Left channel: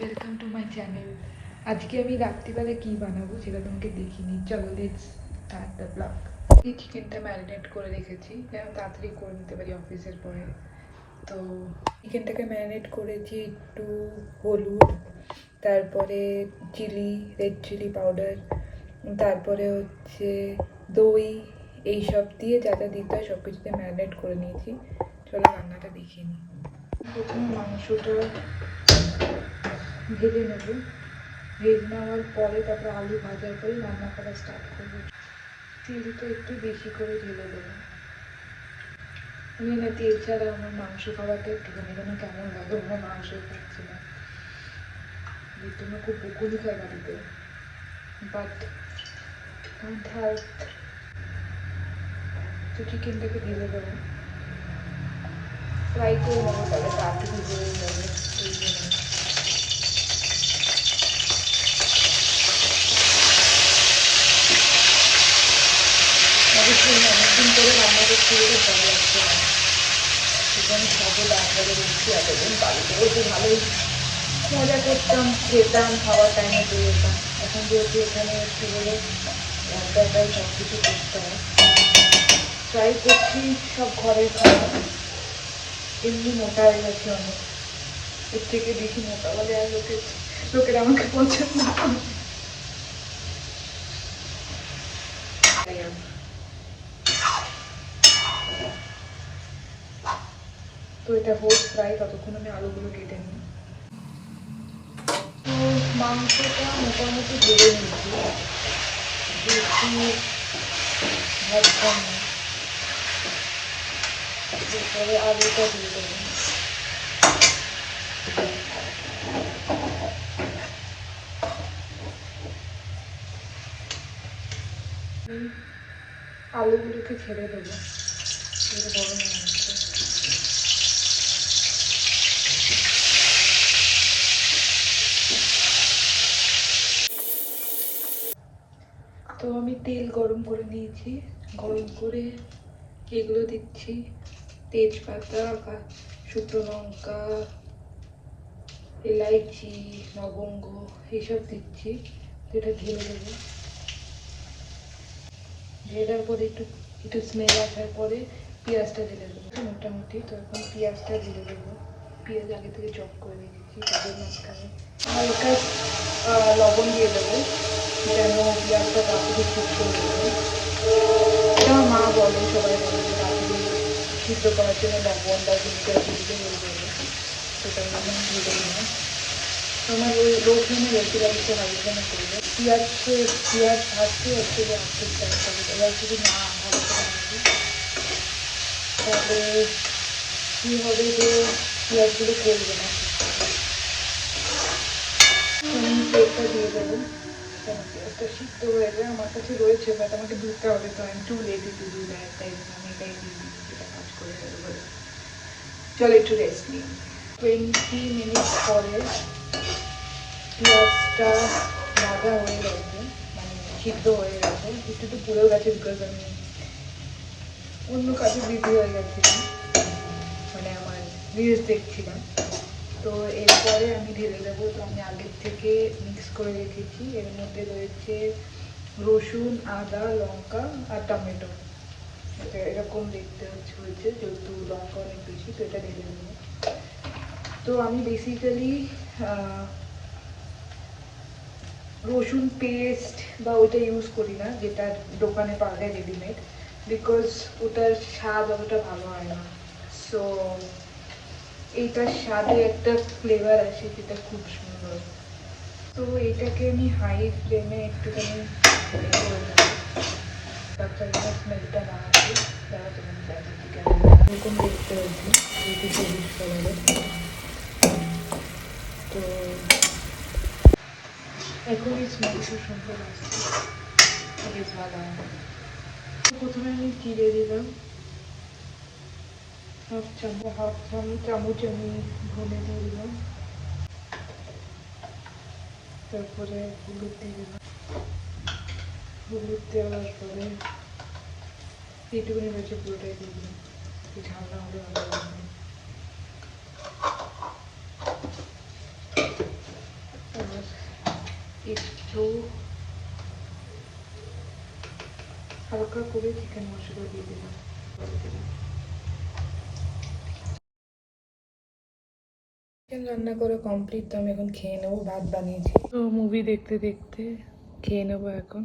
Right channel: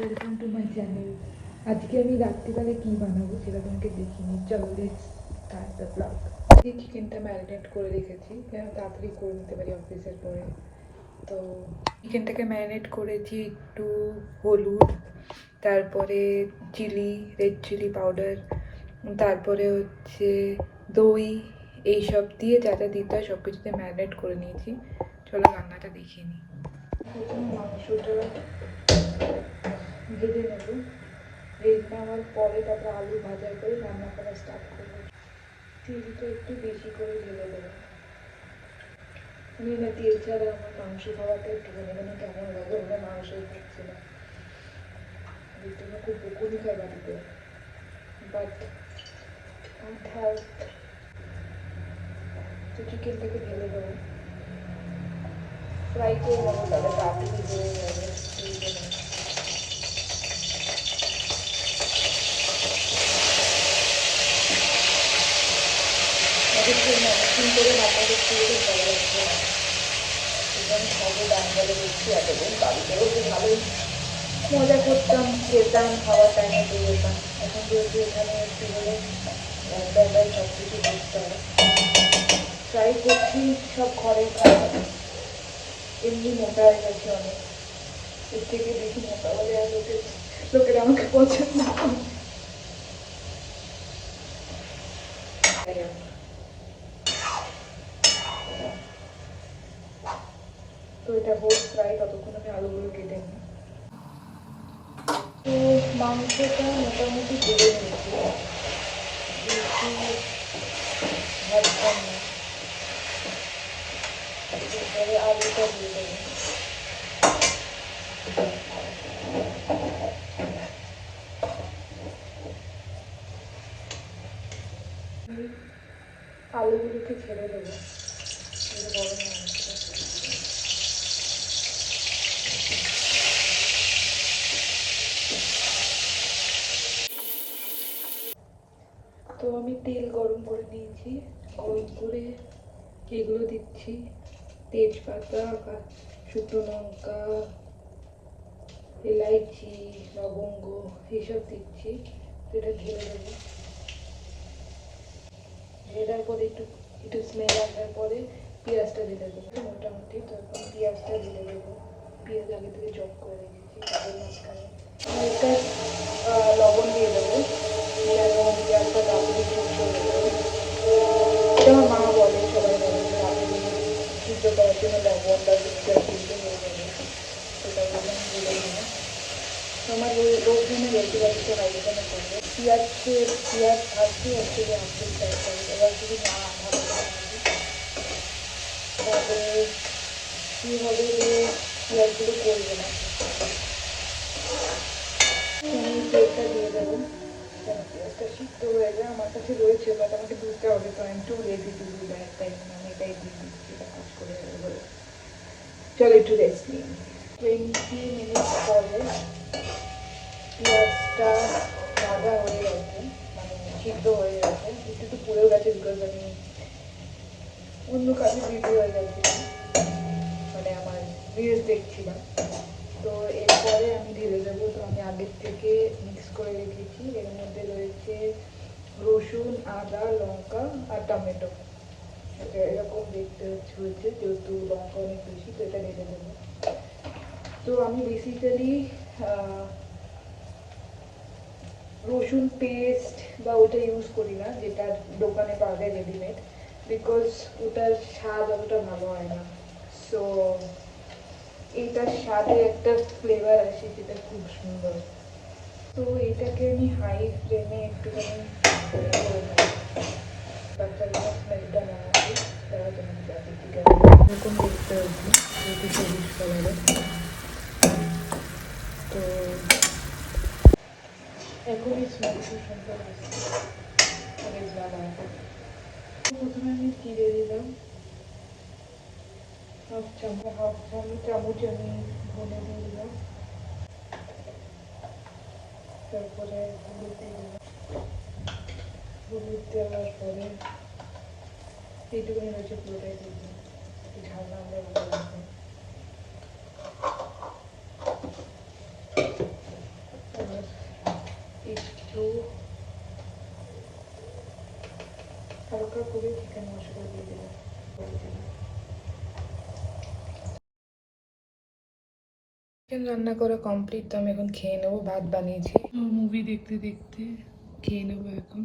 Welcome to my channel. আজকে আমি রাত্রিবেলা কী বানাবো সেটা তোমাকে দেখিনি। চলো লেটস স্টার্ট দ্য ব্লগ। এই চিকেনটা ম্যারিনেট করে রেখেছি যেন তাড়াতাড়ি করে নিতে পারি অফিসের পরে। তো চিকেনটাকে ম্যারিনেট করেছি একটু হলুদ, তারপরে চিলি, রেড চিলি পাউডার, তারপরে হচ্ছে দই, এইসব দিয়ে যা যা দিতে হয় সব কিছুতে ম্যারিনেট করে নিয়েছি। চলো রান্নাটা দেখিয়ে নিই। প্রথমে মাংসটা ভেজে নেব। ভেজে নেওয়ার পরে তারপরে আলু ভাজার পরে রান্না করা স্টার্ট করবো। তেলটা একটু বেশি করে ঢেলে দেবো। না তেল ছাড়া আমার মাংস খাওয়াটা একটুখানি যেন কেমন লাগে, আমার মাংসই খাচ্ছে না। তোমরা খুব বকুনি খায় বাড়িতে, বাট কান্ট হেল্প। তো চিকেনটাকে ঢেলে দেবো, ফ্রাই করে নেবো, তাহলে তাড়াতাড়ি হয়ে নেবে। এই জন্য অনেকদিন করে রান্না করতে গেলে ভালো লাগছে। চিকেন খাবো রান্নাটা দেখছি, এতদিন বাড়িতে বসে ভালোই মজা করতাম, খেতাম, খাওয়ার টাইমে পেয়ে যেতাম। এখন যেহেতু এখানে একটু হলে একাই সব কিছু করতে হবে। ট্রাই করছি সব ঘরের খাওয়া। এমনি মোটা হয়ে গেছে অনেক, এর থেকে বেশি মোটা হলে আর লোকেরা আমাকে পছন্দ করে। তো এটা হোক ফ্রাই, ততক্ষণ আমি আলুগুলো কেটে নিই। তো মাংসটা মোটামুটি ভেজে নিয়েছি, বেশি ভাজতাম না। এরপরে আলুটা দিয়ে দেবো। আলুগুলোকে ছেড়ে দেবো, গরম হচ্ছে। তো আমি তেল গরম করে নিয়েছি, গরম করে এগুলো দিচ্ছি, তেজপাতা, শুকনো লঙ্কা, এলাইচি, লবঙ্গ, এইসব দিচ্ছি। এটা ঢেলে দেবো। ঢেলার পরে একটু একটু স্মেল আসার পরে পেঁয়াজটা ঢেলে দেবো মোটামুটি। তো এখন পেঁয়াজটা ঢেলে দেবো। পেঁয়াজ আগে থেকে চপ করে রেখেছি, তাদের মাঝখানে হালকা লবণ দিয়ে দেবো যেন পেঁয়াজটা তাড়াতাড়ি সিদ্ধ হয়ে যাবে। এটা আমার মা বলে, সবাই বলে যে তাড়াতাড়ি সিদ্ধ করার জন্য লবণ বা পেঁয়াজ দিতে হয়ে যাবে, সেটার জন্য আমি ঢেলে দিলাম। তো আমার লো ফ্লেমে রয়েছে, একটু হাই ফ্লেমে করবো। পেঁয়াজ ভাজতে হচ্ছে যে আস্তে আস্তে এবার যদি না ভালো করে ভাজি তাহলে কী হবে যে পেঁয়াজগুলো করবে না। তেলটা দিয়ে দেবো, পেঁয়াজটা সিদ্ধ হয়ে যায়। আমার কাছে রয়েছে, বাট আমাকে ধুতে হবে, তো আমি একটু লেজি টু ডু দ্যাট, তাই জন্য আমি এটাই দিয়ে দিচ্ছি, যেটা কাজ করে বলে। চলো একটু রেস্ট নিই। 20 মিনিট পরে পেঁয়াজটা ভাজা হয়ে গেছে, মানে সিদ্ধ হয়ে গেছে, একটু তো পুড়েও গেছে, বিকজ আমি অন্য কাজে বিজি হয়ে গেছিলাম, মানে আমার রিলস দেখছিলাম। তো এরপরে আমি ঢেলে দেবো। তো আমি আগের থেকে মিক্স করে রেখেছি, এর মধ্যে রয়েছে রসুন, আদা, লঙ্কা আর টমেটো। এটা এরকম দেখতে হয়েছে, যেহেতু লঙ্কা অনেক বেশি, তো এটা ঢেলে দেবো। তো আমি বেসিক্যালি রসুন পেস্ট বা ওইটা ইউজ করি না, যেটা দোকানে পাওয়া যায় রেডিমেড, বিকজ ওটার স্বাদ অতটা ভালো হয় না। সো এইটার স্বাদে একটা ফ্লেভার আসে যেটা খুব সুন্দর। তো এটাকে আমি হাই ফ্লেমে একটুখানি স্মেলটা না আসে, তারা তোমাকে চারিদিকে এরকম দেখতে হচ্ছে, যেহেতু সবুজ কালারের। তো এখনই স্মেল খুব সুন্দর আসছে, বেশ ভালো হবে। প্রথমে আমি জিরে দিলাম হাফ চামচ আমি ধনে দিয়ে দিলাম, তারপরে হলুদ দিয়ে দিলাম। হলুদ দেওয়ার পরে এইটুকুনি রয়েছে পুরোটাই দিয়ে দিলাম, ঝাল না হলে ভালো থাকবে। হালকা করে চিকেন মশলা দিয়ে দিলাম। চিকেন রান্না করা কমপ্লিট, তো আমি এখন খেয়ে নেবো। ভাত বানিয়েছি, তো মুভি দেখতে দেখতে খেয়ে নেবো এখন।